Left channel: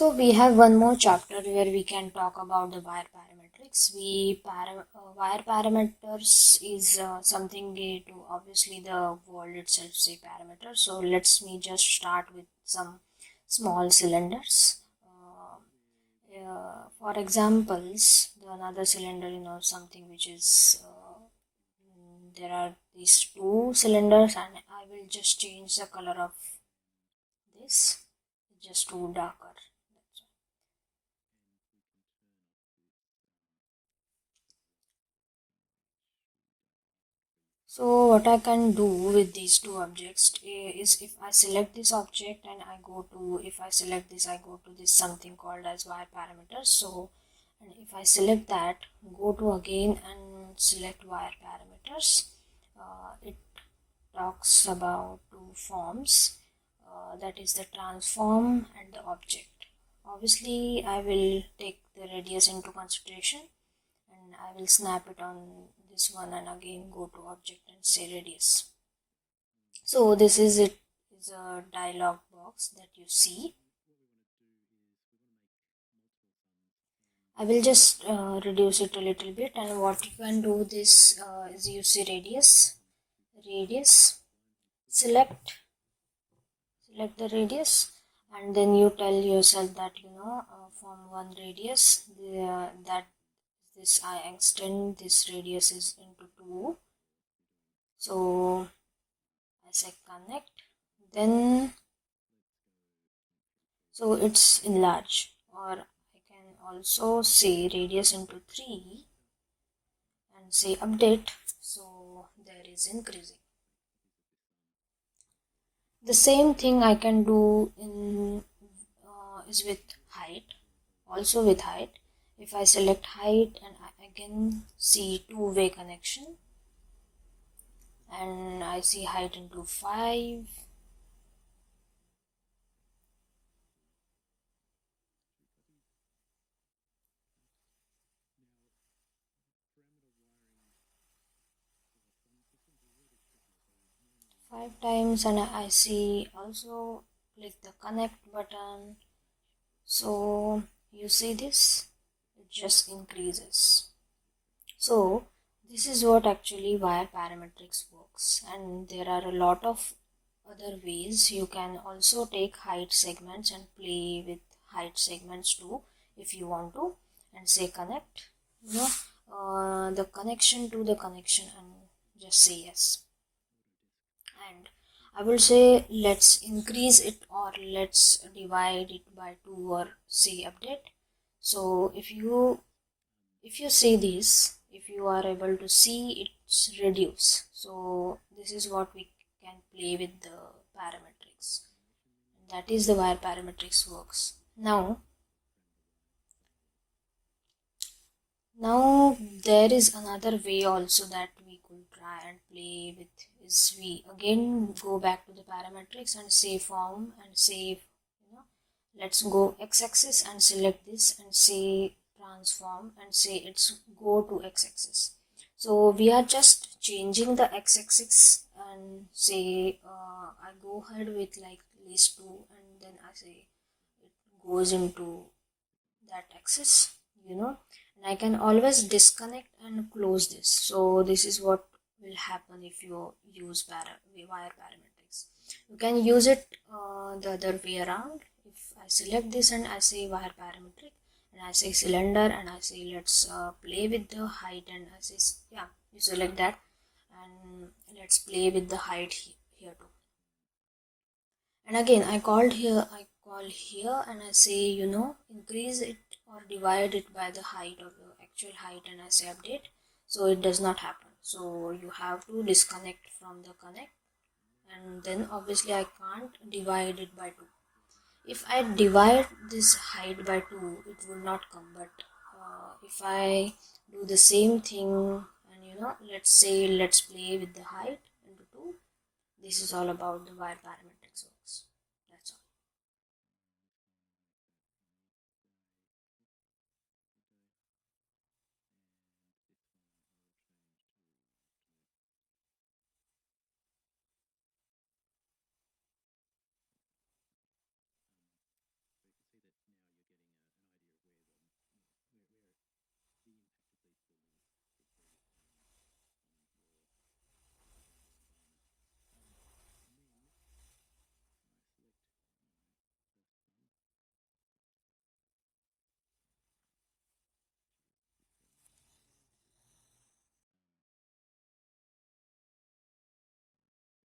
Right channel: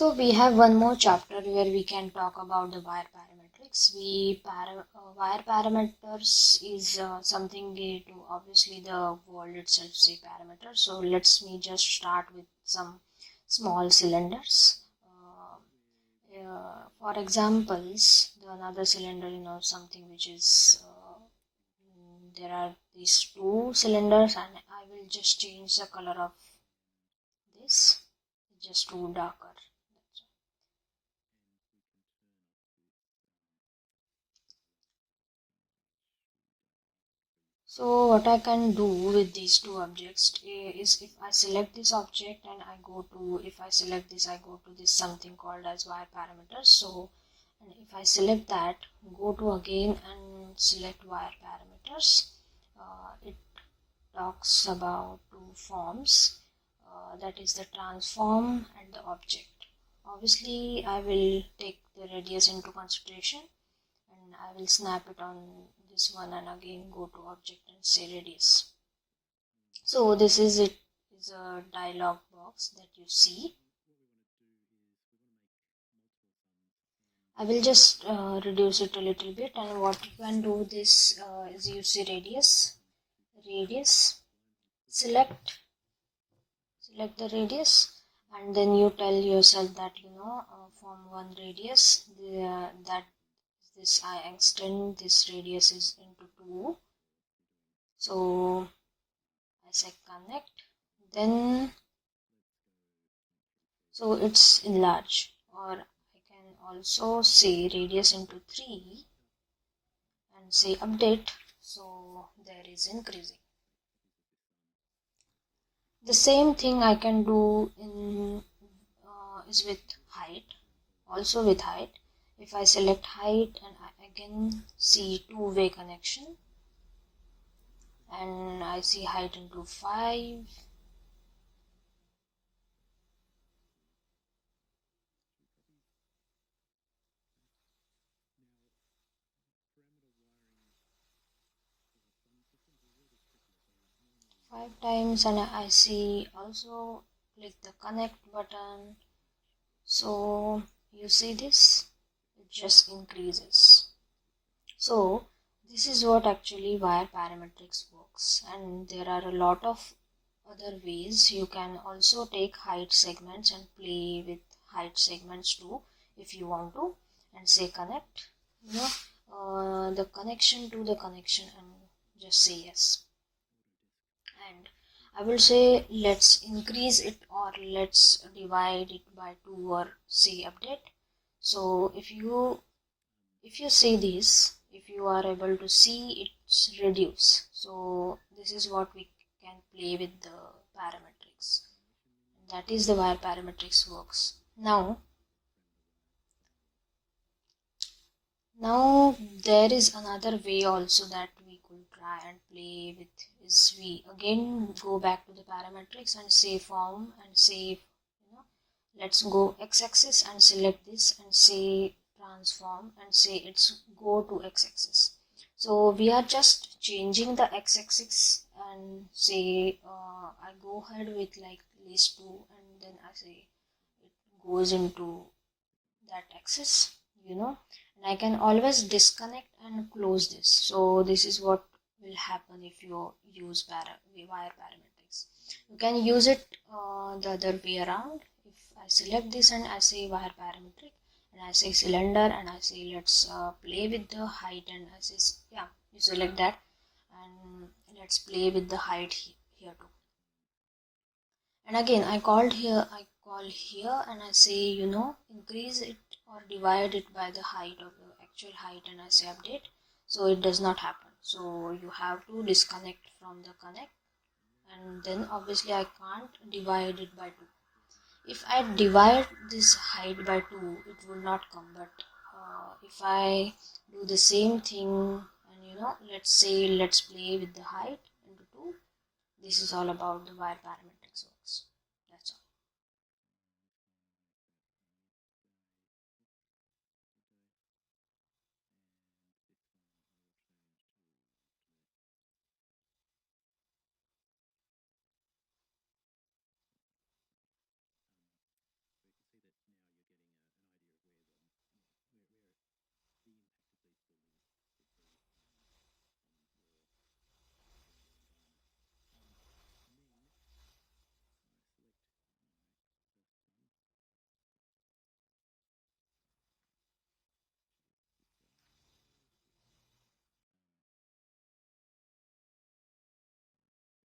So we have one more chapter where we can talk about the wire parametrics. Wire parameters is something we do. Obviously, the word itself say parameter. So let's me just start with some small cylinders. For examples, another cylinder, something which is there are these two cylinders, and I will just change the color of this just to darker. So what I can do with these two objects is if I select this object and if I select this, I go to this something called as wire parameters. So, and if I select that, go to again and select wire parameters, it talks about two forms, that is the transform and the object. Obviously, I will take the radius into consideration, and I will snap it on this one and again go to object and say radius. So this is it, is a dialog box that you see. I will just reduce it a little bit, and what you can do this is you see radius, select the radius, and then you tell yourself that from one radius that this I extend this radius is into 2. So I say connect, then so it's enlarge, or I can also say radius into 3 and say update, so there is increasing. The same thing I can do in is with height, also with height. If I select height and I again see two-way connection, and I see height into 5, times, and I see also click the connect button. So you see this, it just increases. So this is what actually wire parametrics works, and there are a lot of other ways. You can also take height segments and play with height segments too if you want to, and say connect, the connection to the connection, and just say yes. And I will say let's increase it, or let's divide it by 2, or say update. So if you say this, if you are able to see, it's reduce. So this is what we can play with the parametrics. That is the wire parametrics works. Now there is another way also that we could try and play with, is we again go back to the parametrics and say form and say, let's go x-axis and select this and say transform and say it's go to x-axis. So we are just changing the x-axis and say I go ahead with like these two, and then I say it goes into that axis, and I can always disconnect and close this. So this is what will happen if you use wire parametrics. You can use it the other way around. If I select this and I say wire parametric and I say cylinder and I say let's play with the height, and I say you select that and let's play with the height here too. And again I call here and I say increase it or divide it by the height of the actual height, and I say update. So it does not happen. So you have to disconnect from the connect, and then obviously I can't divide it by 2. If I divide this height by 2, it will not come. But if I do the same thing and let's say let's play with the height into 2, this is all about the wire parametrics.